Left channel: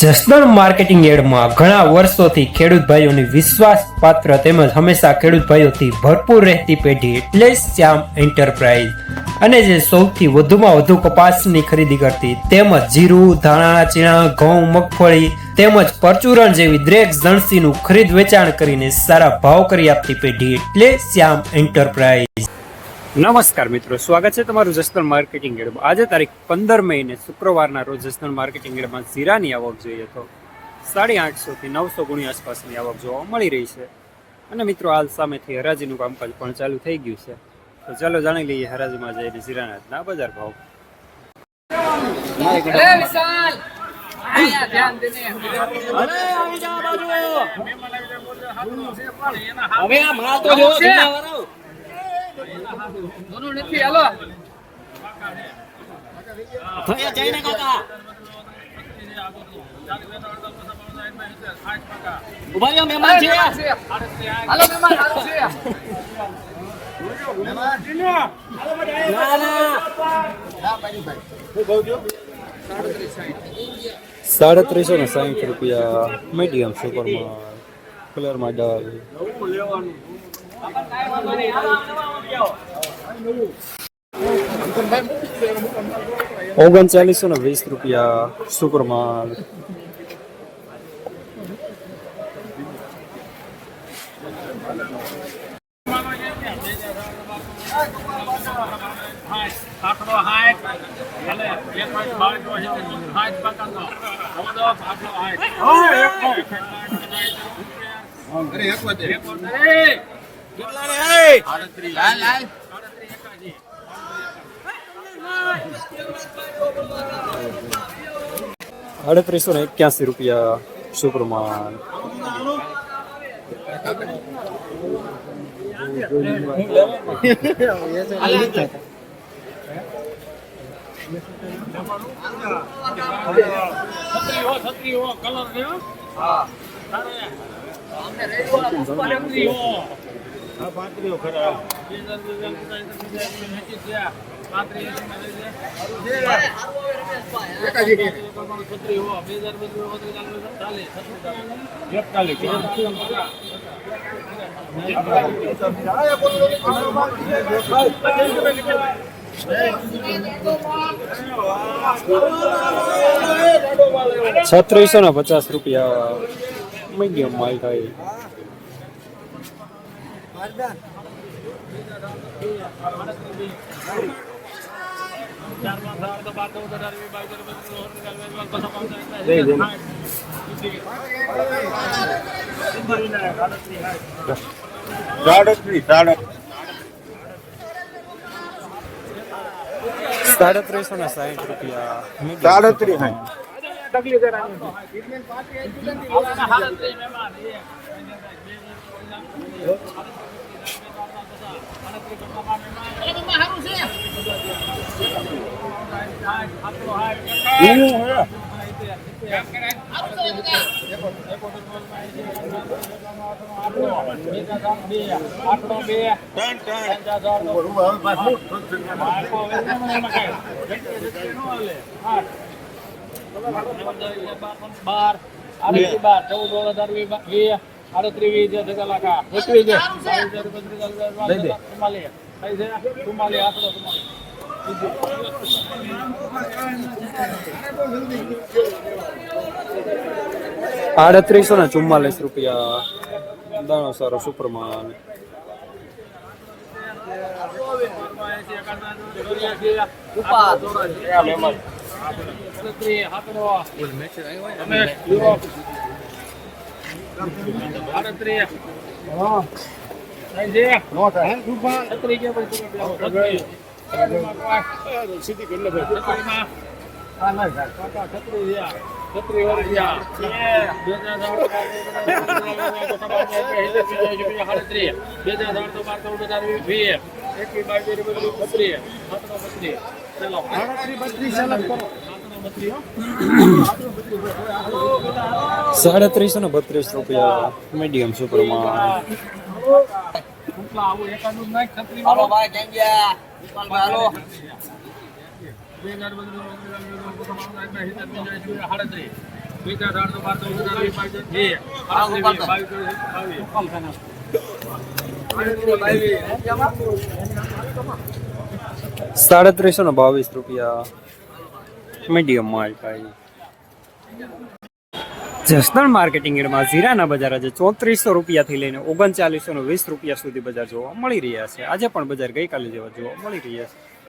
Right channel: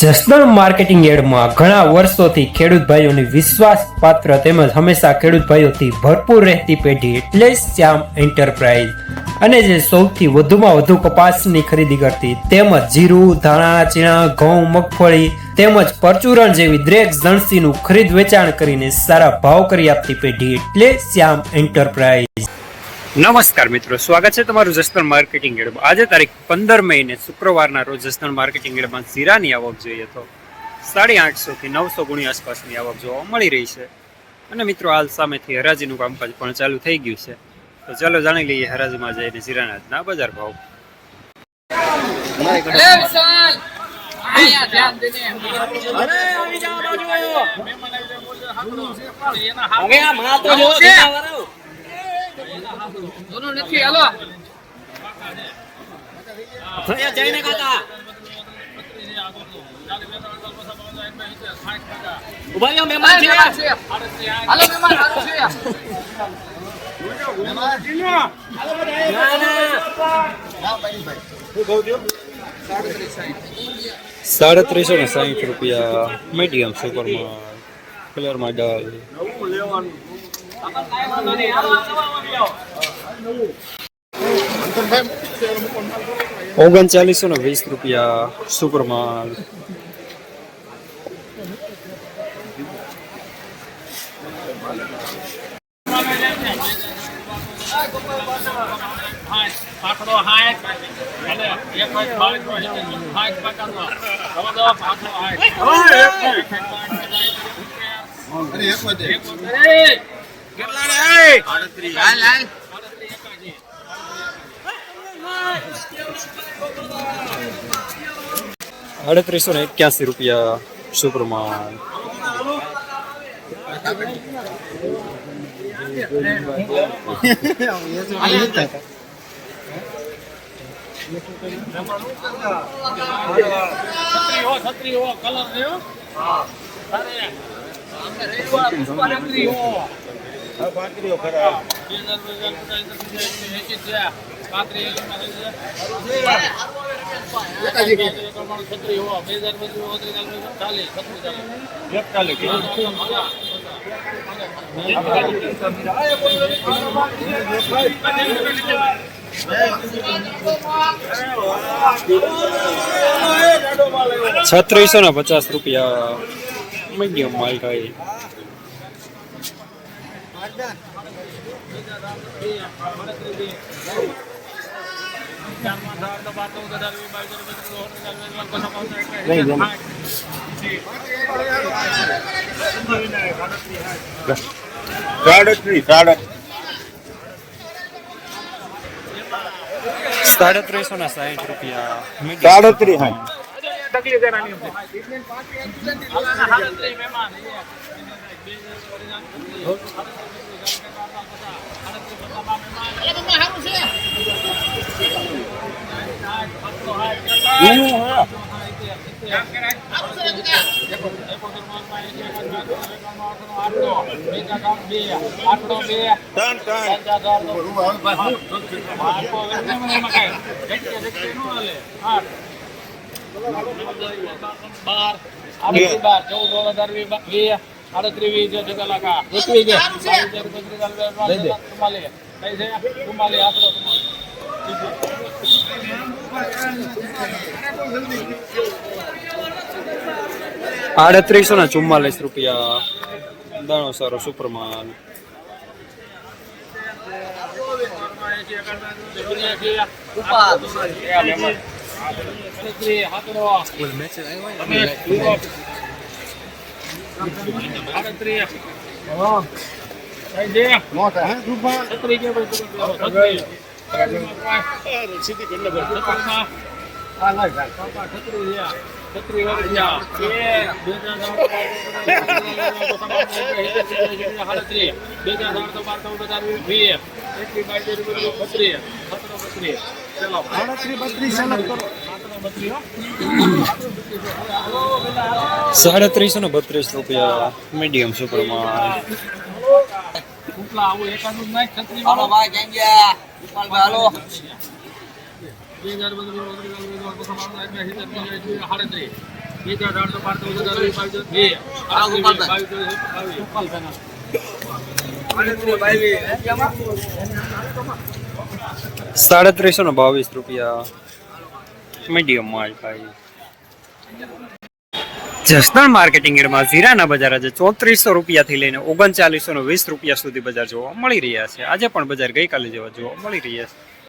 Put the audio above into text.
Jasdan marketing યાર્ડમાં ઘણા વર્ષોથી ખેડૂત ભાઈઓની વિશ્વાસપાત્ર તેમજ હંમેશા ખેડૂત ભાઈઓથી ભરપૂર રહેતી પેઢી એટલે શ્યામ એન્ટરપ્રાઇઝ, અને જે સૌથી વધુમાં વધુ કપાસની ખરીદી કરતી તેમજ જીરું, ધાણા, ચીણા, ઘઉં, મગફળી તેમજ પરચુરણ જેવી દરેક જણસીનું ખરીદ વેચાણ કરીને સારા ભાવ કરી આપતી પેઢી એટલે શ્યામ એન્ટરપ્રાઇઝ. નમસ્કાર મિત્રો, સ્વાગત છે તમારું જસદણ માર્કેટિંગ યાર્ડમાં. આજે તારીખ 15 મે ને શુક્રવારના રોજ જસદણ માર્કેટિંગ યાર્ડમાં જીરાની આવક જોઈએ તો 850 થી 900 ગુણી આસપાસની આવક જોવા મળી રહી છે. અને મિત્રો હાલ સામેથી હરાજીનું કામકાજ પણ ચાલુ થઈ ગયું છે, તો ચાલો જાણી લઈએ હરાજીમાં જઈને જીરાના આજના બજાર ભાવ. दोनों नहीं हेलो जयने का था उभायो मेहमान છે હાલો મહેમાન હાલો છે મહેમાન કિનો હાલો બધા 360 રૂપિયા મીડિયમ સુપરમાં કલરમાં ડાલ. 3920 રૂપિયા સુપરમાં. ₹3881 રૂપિયા સુપરમાં. ₹3650 મીડિયમ માલ થાય. ₹360 રૂપિયા મીડિયમ. ₹3844 દાણો સારો સુપરમાન. ₹332 મીડિયમ સુપરમાં. ₹3722 મીડિયમ માલ ભાઈ. જસદણ માર્કેટિંગ યાર્ડમાં જીરાના બજાર આજે ₹3400 થી લઈને ₹3920 સુધી બજાર જોવા મળી રહ્યા છે. આજે પણ બજાર ગઈકાલે જેવા જોવા મળી રહ્યા છે.